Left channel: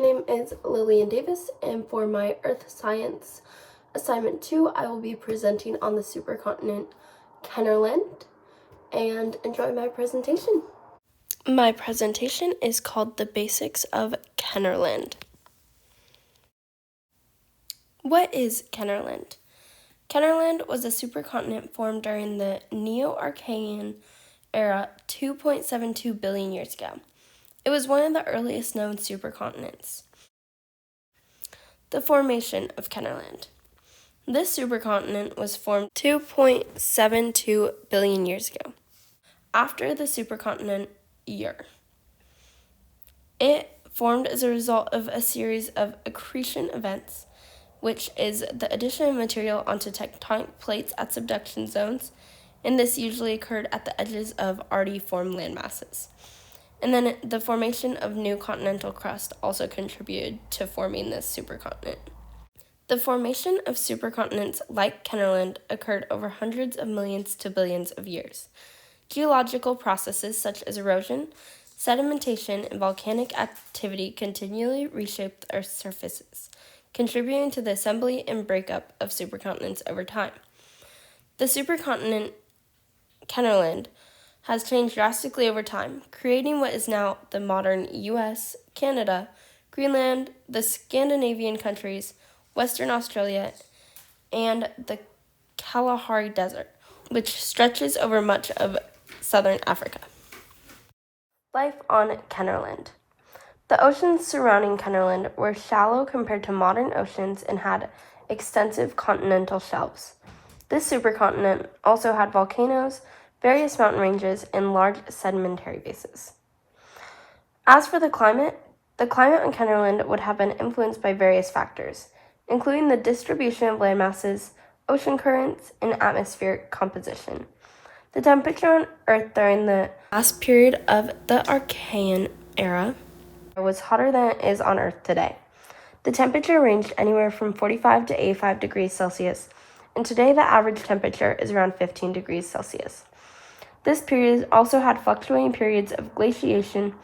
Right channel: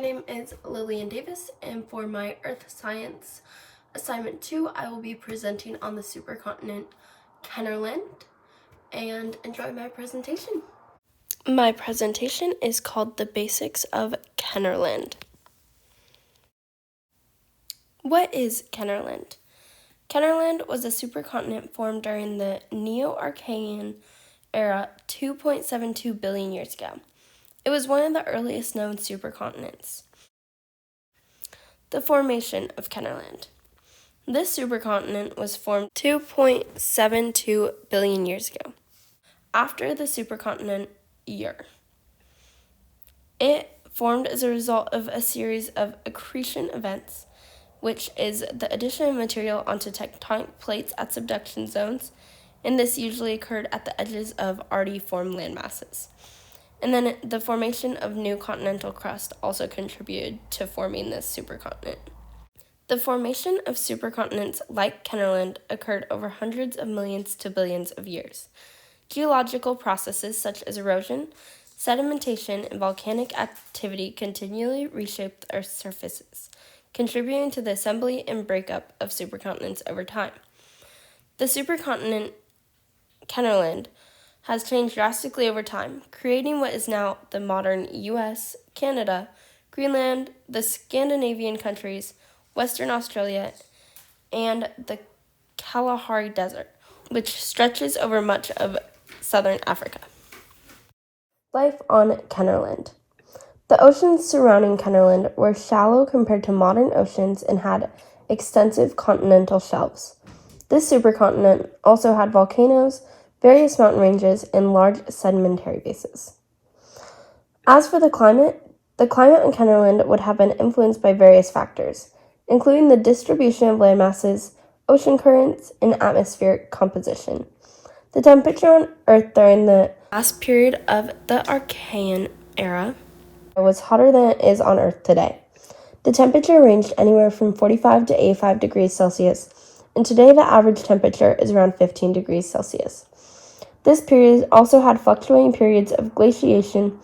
name is Lillian Davis, and for my Earth Science Assignment 2, I will be presenting on the supercontinent Kenorland, and enjoy my presentation. My presentation is called The Basics of Kenorland. What is Kenorland? Kenorland was a supercontinent formed during the Neo-Archean era 2.72 billion years ago. It was one of the earliest known supercontinents. The formation of Kenorland. This supercontinent was formed 2.72 billion years ago, after the supercontinent year. It formed as a result of a series of accretion events, which is the addition of material onto tectonic plates at subduction zones, and this usually occurred at the edges of already formed landmasses. And then the formation of new continental crust also contributed to forming this supercontinent. The formation of supercontinents like Kenorland occurred over hundreds of millions to billions of years. Geological processes such as erosion, sedimentation, and volcanic activity continually reshaped the Earth's surfaces, contributing to the assembly and breakup of supercontinents over time. The supercontinent Kenorland has changed drastically over time, creating what is now the modern US, Canada, Greenland, the Scandinavian countries, Western Australia, and the Kalahari Desert, which stretches over much of southern Africa. Life on Kenorland. The oceans surrounding Kenorland were shallow compared to modern oceans and had extensive continental shelves. This supercontinent also had volcanoes, various mountain ranges, and large sedimentary bases. As for the climate on Kenorland would have been influenced by various factors, including the distribution of land masses, ocean currents, and atmospheric composition. The temperature on Earth during the last period of the Archean era was hotter than it is on Earth today. The temperature ranged anywhere from 45 to 85 degrees Celsius, and today the average temperature is around 15 degrees Celsius. This period also had fluctuating periods of glaciation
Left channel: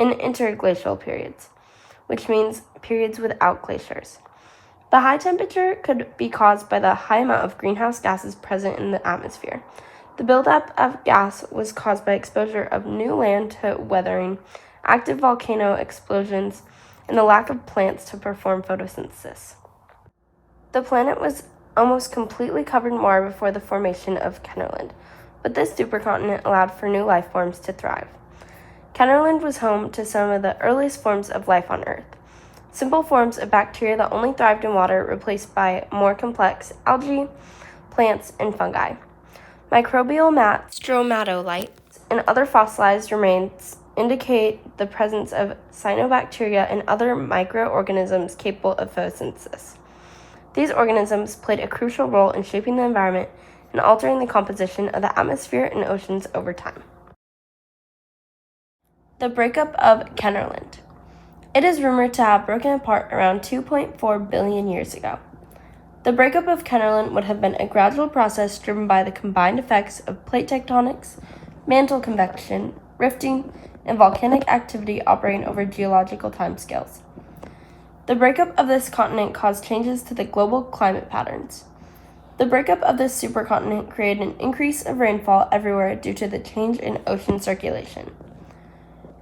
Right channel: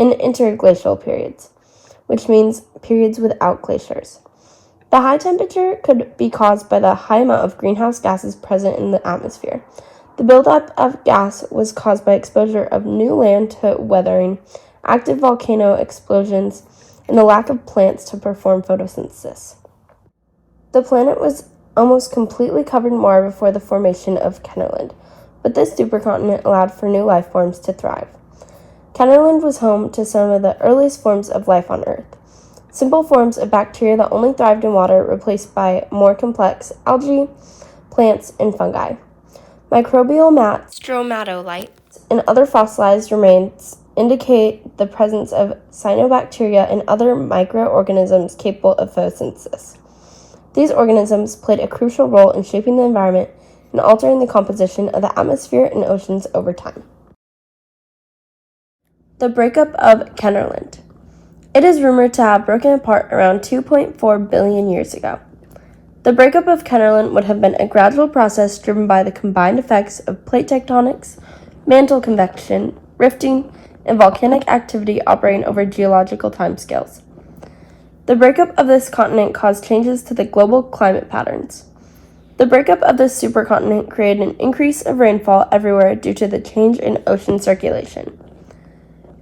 and interglacial periods, which means periods without glaciers. The high temperature could be caused by the high amount of greenhouse gases present in the atmosphere. The buildup of gas was caused by exposure of new land to weathering, active volcano explosions, and the lack of plants to perform photosynthesis. The planet was almost completely covered in water before the formation of Kenorland, but this supercontinent allowed for new life forms to thrive. Kenorland was home to some of the earliest forms of life on Earth. Simple forms of bacteria that only thrived in water replaced by more complex algae, plants, and fungi. Microbial mats, stromatolites, and other fossilized remains indicate the presence of cyanobacteria and other microorganisms capable of photosynthesis. These organisms played a crucial role in shaping the environment and altering the composition of the atmosphere and oceans over time. The breakup of Kenorland. It is rumored to have broken apart around 2.4 billion years ago. The breakup of Kenorland would have been a gradual process driven by the combined effects of plate tectonics, mantle convection, rifting, and volcanic activity operating over geological timescales. The breakup of this continent caused changes to the global climate patterns. The breakup of this supercontinent created an increase of rainfall everywhere due to the change in ocean circulation.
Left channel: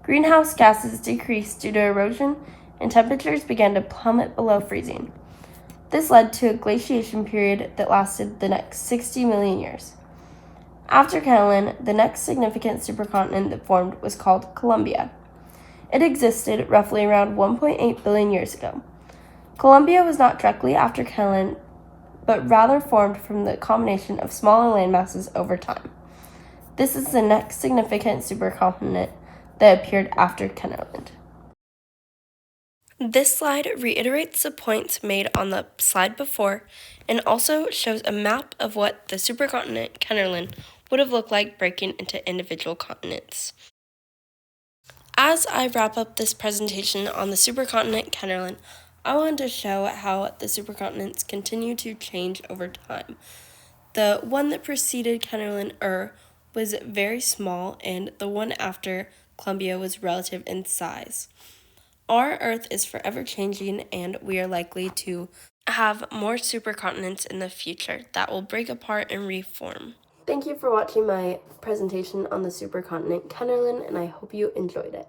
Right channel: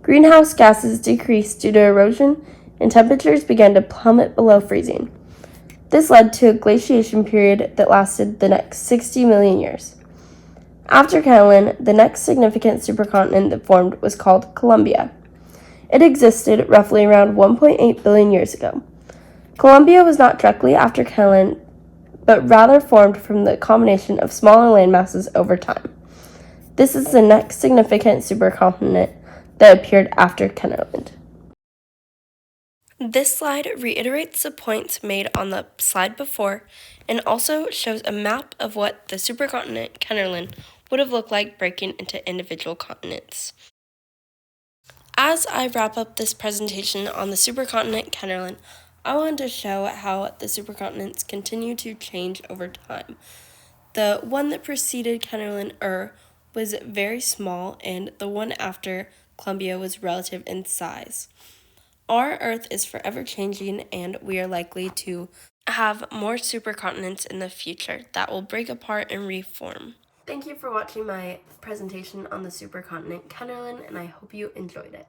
Greenhouse gases decreased due to erosion, and temperatures began to plummet below freezing. This led to a glaciation period that lasted the next 60 million years. After Kenorland, the next significant supercontinent that formed was called Columbia. It existed roughly around 1.8 billion years ago. Columbia was not directly after Kenorland, but rather formed from the combination of smaller land masses over time. This is the next significant supercontinent that appeared after Kenorland. This slide reiterates the points made on the slide before and also shows a map of what the supercontinent Kenorland would have looked like breaking into individual continents. As I wrap up this presentation on the supercontinent Kenorland, I wanted to show how the supercontinents continue to change over time. The one that preceded Kenorland was very small, and the one after Columbia was relative in size. Our Earth is forever changing, and we are likely to have more supercontinents in the future that will break apart and reform. Thank you for watching my presentation on the supercontinent Kenorland, and I hope you enjoyed it.